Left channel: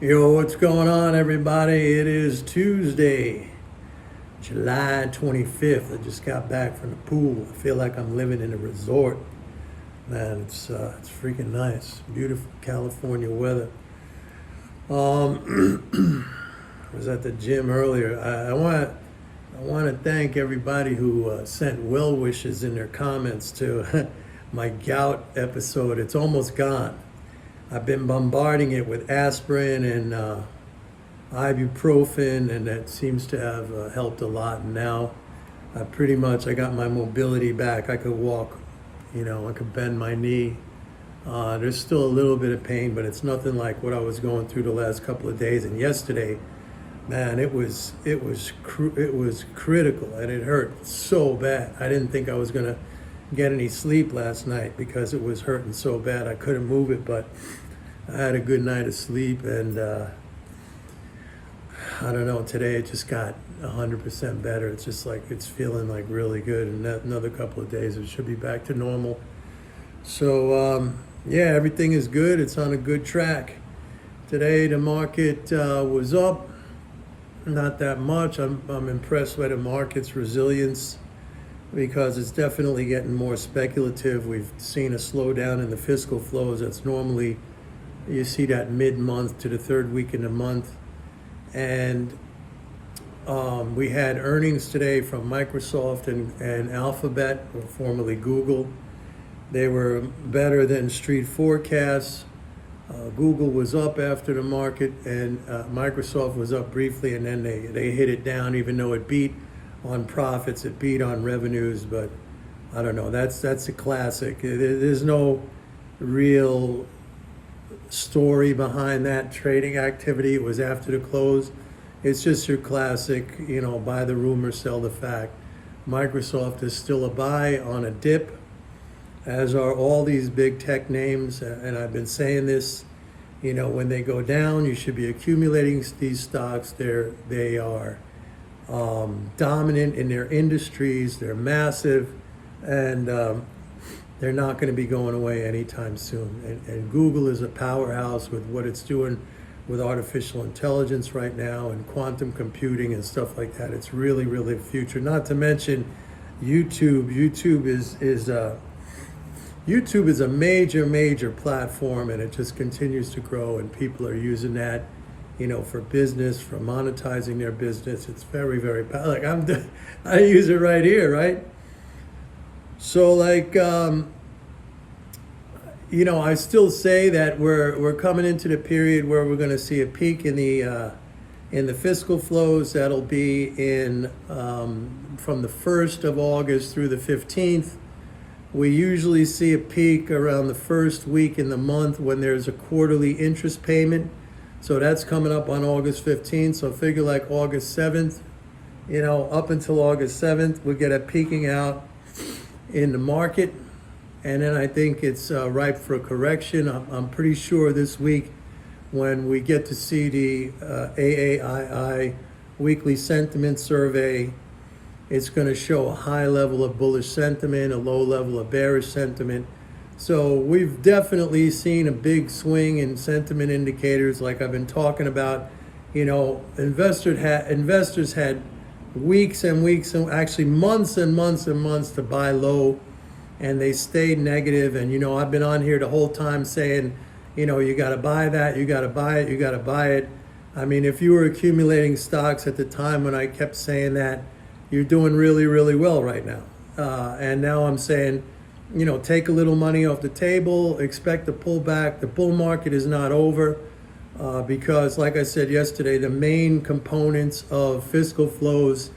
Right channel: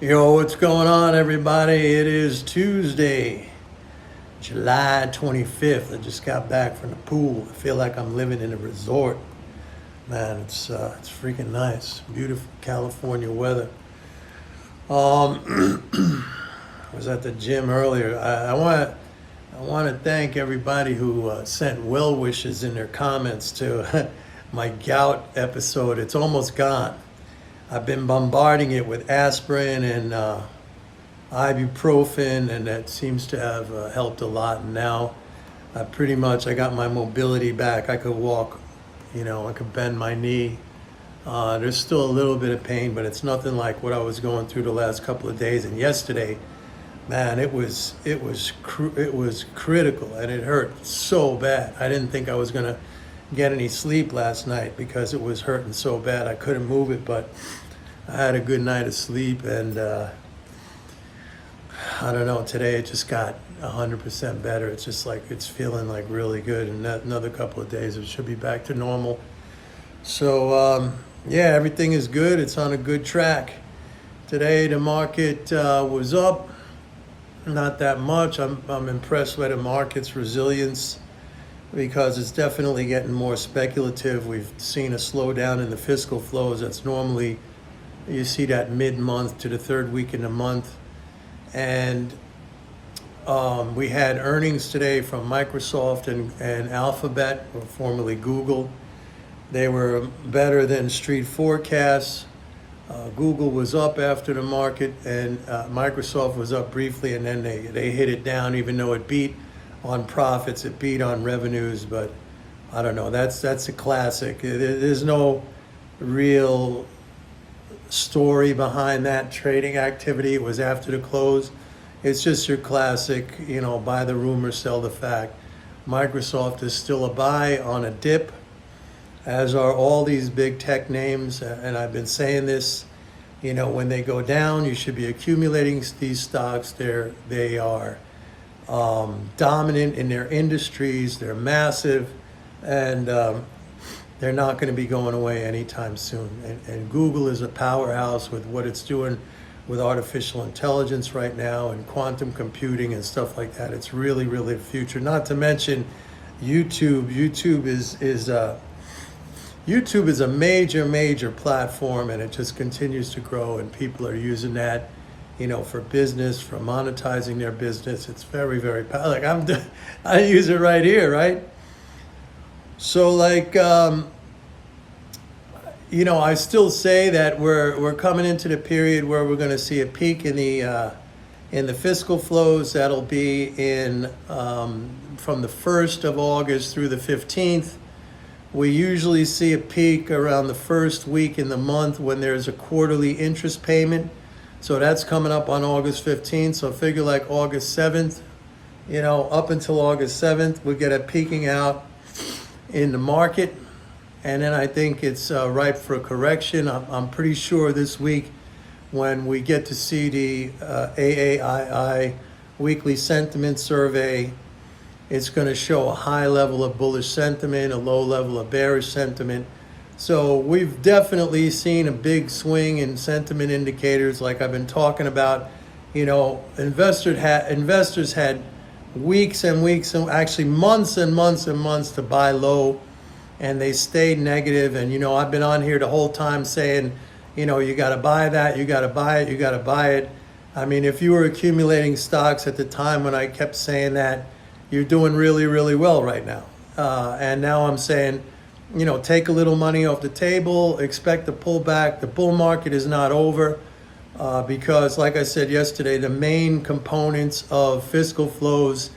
Yo, what's going on, everybody? It is Tuesday, July 25th. I just got back from the pool. I feel like I'm living in a resort. Man, it's freaking nice. Beautiful California weather. I was at the gym earlier. I want to thank everybody who sent well wishes in their comments to my gout episode. It's almost gone. I've been bombarding it with aspirin and ibuprofen, and that seems to have helped a lot. And now, I got my mobility back. I could walk, I could bend my knee. There's still a little bit of pain, but it's nothing like what I was going through the last couple of days. And yesterday, man, it was critical, and it hurt so bad. I didn't think I was gonna get any sleep last night because it was hurting so bad. I couldn't move it, but I had a good night of sleep, and I don't know. Today it just got 100% better. It's just like it's feeling like really good, and that another couple of days it should be back to normal. So yeah, everything is good. It's on a good track. Today the market was up, not that much. I'm impressed by the market's resilience because it's definitely getting more speculative. We've seen a slowdown in the fiscal flows. That's normally, you see that mid-month to the third week in the month. And we had earnings today from Microsoft and Alphabet, or formerly Google. They were better than street forecasts. Google was up after the market, and Microsoft was up briefly, and then they hit it down, even though it beat on profits, it beat on revenues. But I don't know, that's a classic. There's no real story behind that trading activity. It was after the close. It's just your classic, buy the rumor, sell the fact. Microsoft is still a buy on a dip, as are all these big tech names. And I've been saying this, when they go down, you should be accumulating these stocks. They are dominant in their industries. They're massive, and they're not going to be going away anytime soon. And Google is a powerhouse with what it's doing with artificial intelligence right now and quantum computing and stuff like that. It's really, really the future. Not to mention YouTube. YouTube is a major, major platform, and it just continues to grow, and people are using that, for business, for monetizing their business. It's very, very powerful. Like I use it right here, right? So I still say that we're coming into the period where we're going to see a peak in the fiscal flows. That'll be in from the 1st of August through the 15th. We usually see a peak around the first week in the month when there's a quarterly interest payment. So that's coming up on August 15th. So figure like August 7th, up until August 7th, we get a peaking out in the market. And then I think it's ripe for a correction. I'm pretty sure this week, when we get to see the AAII weekly sentiment survey, it's going to show a high level of bullish sentiment, a low level of bearish sentiment. So we've definitely seen a big swing in sentiment indicators, like I've been talking about. Investors had weeks and weeks, and actually months and months and months to buy low, and they stayed negative. And I've been on here the whole time saying, you got to buy that, you got to buy it, you got to buy it. I mean, if you were accumulating stocks at the time when I kept saying that, you're doing really, really well right now. And now I'm saying, take a little money off the table, expect a pullback. The bull market is not over because, like I said yesterday, the main components of fiscal flows,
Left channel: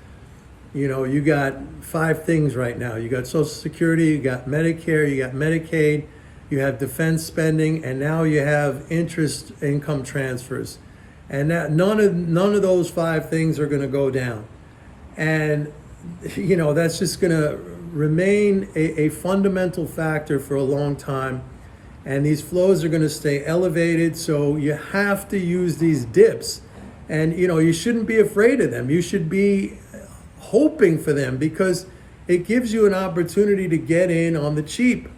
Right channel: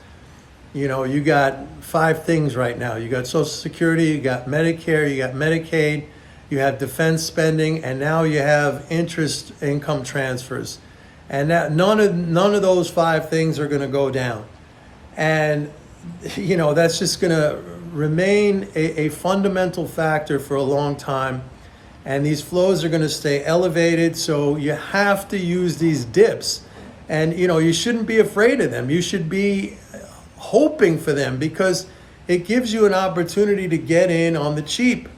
you got 5 things right now. You got Social Security, you got Medicare, you got Medicaid, you have defense spending, and now you have interest income transfers. And that none of those 5 things are going to go down. And, that's just going to remain a fundamental factor for a long time. And these flows are going to stay elevated. So you have to use these dips. And, you shouldn't be afraid of them. You should be hoping for them, because it gives you an opportunity to get in on the cheap.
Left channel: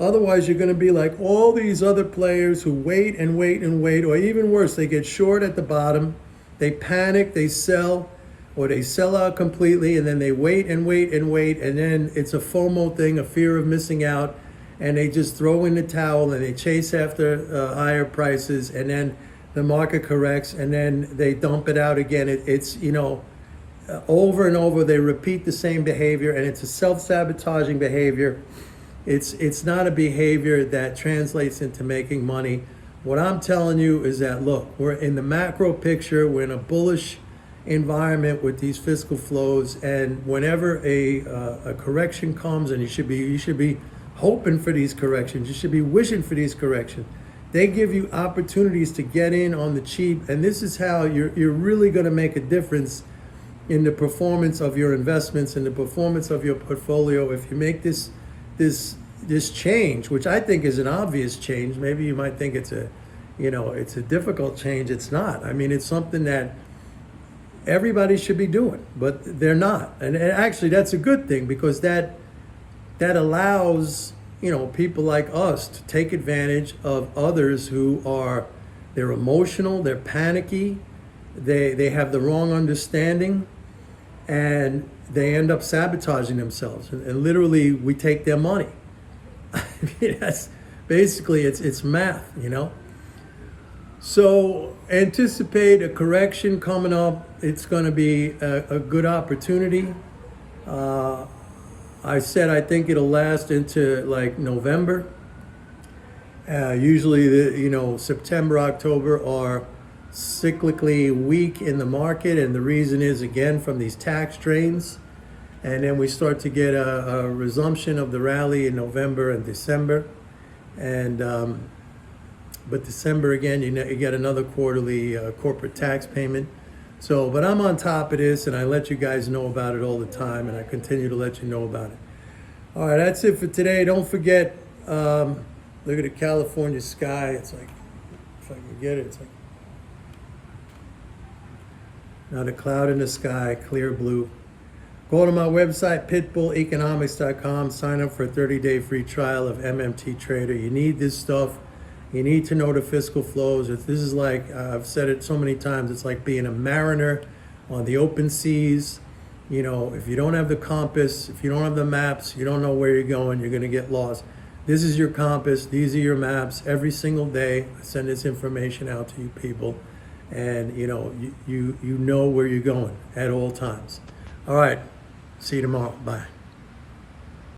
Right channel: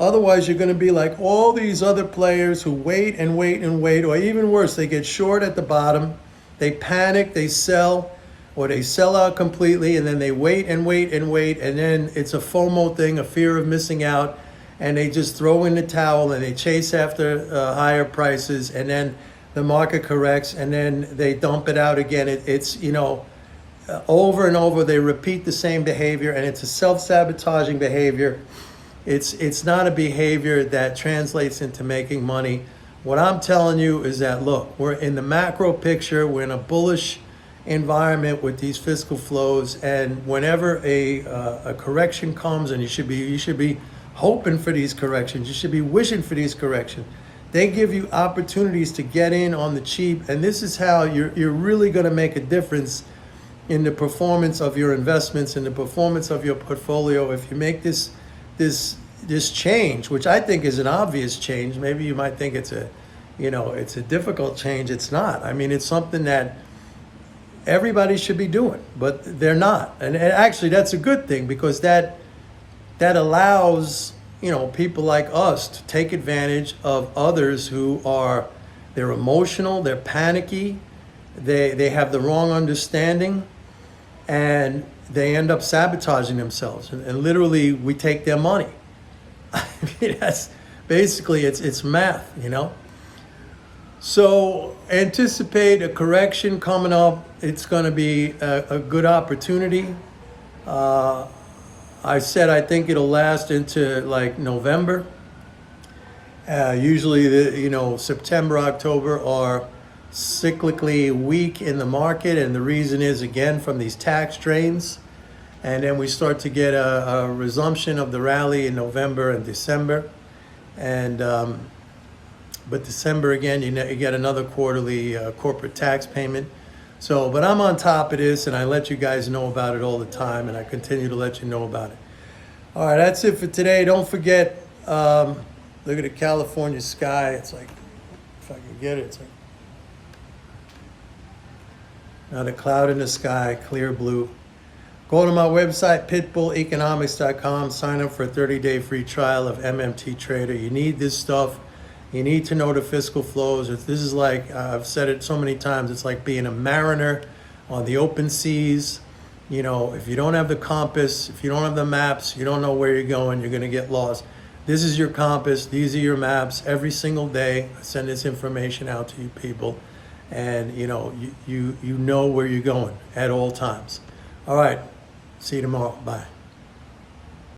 Otherwise, you're going to be like all these other players who wait and wait and wait, or even worse, they get short at the bottom, they panic, they sell, or they sell out completely, and then they wait and wait and wait, and then it's a FOMO thing, a fear of missing out, and they just throw in the towel and they chase after higher prices, and then the market corrects, and then they dump it out again. It's over and over, they repeat the same behavior, and it's a self-sabotaging behavior. It's not a behavior that translates into making money. What I'm telling you is that, look, we're in the macro picture, we're in a bullish environment with these fiscal flows, and whenever a correction comes, and you should be hoping for these corrections, you should be wishing for these corrections. They give you opportunities to get in on the cheap, and this is how you're really going to make a difference in the performance of your investments and the performance of your portfolio. If you make this change, which I think is an obvious change. Maybe you might think it's a difficult change. It's not. I mean, it's something that everybody should be doing, but they're not. And actually, that's a good thing, because that allows people like us to take advantage of others they're emotional, they're panicky, they have the wrong understanding, and they end up sabotaging themselves, and literally we take their money. I mean, that's basically, it's math, So anticipate a correction coming up. It's going to be a good opportunity. I said I think it'll last into like November. Usually, September, October are cyclically weak in the market, and the reason is, again, from these tax drains. And then we start to get a resumption of the rally in November and December. And but December, again, you get another quarterly corporate tax payment. But I'm on top of this, and I let you guys know about it all the time, and I continue to let you know about it. All right, that's it for today. Don't forget, look at the California sky. It's like, if I can get it, it's like, not a cloud in the sky, clear blue. Go to my website, pitbulleconomics.com. Sign up for a 30-day free trial of MMT Trader. You need this stuff. You need to know the fiscal flows. This is like, I've said it so many times, it's like being a mariner on the open seas. If you don't have the compass, if you don't have the maps, you don't know where you're going, you're going to get lost. This is your compass. These are your maps. Every single day, I send this information out to you people. And, you know where you're going at all times. All right. See you tomorrow. Bye.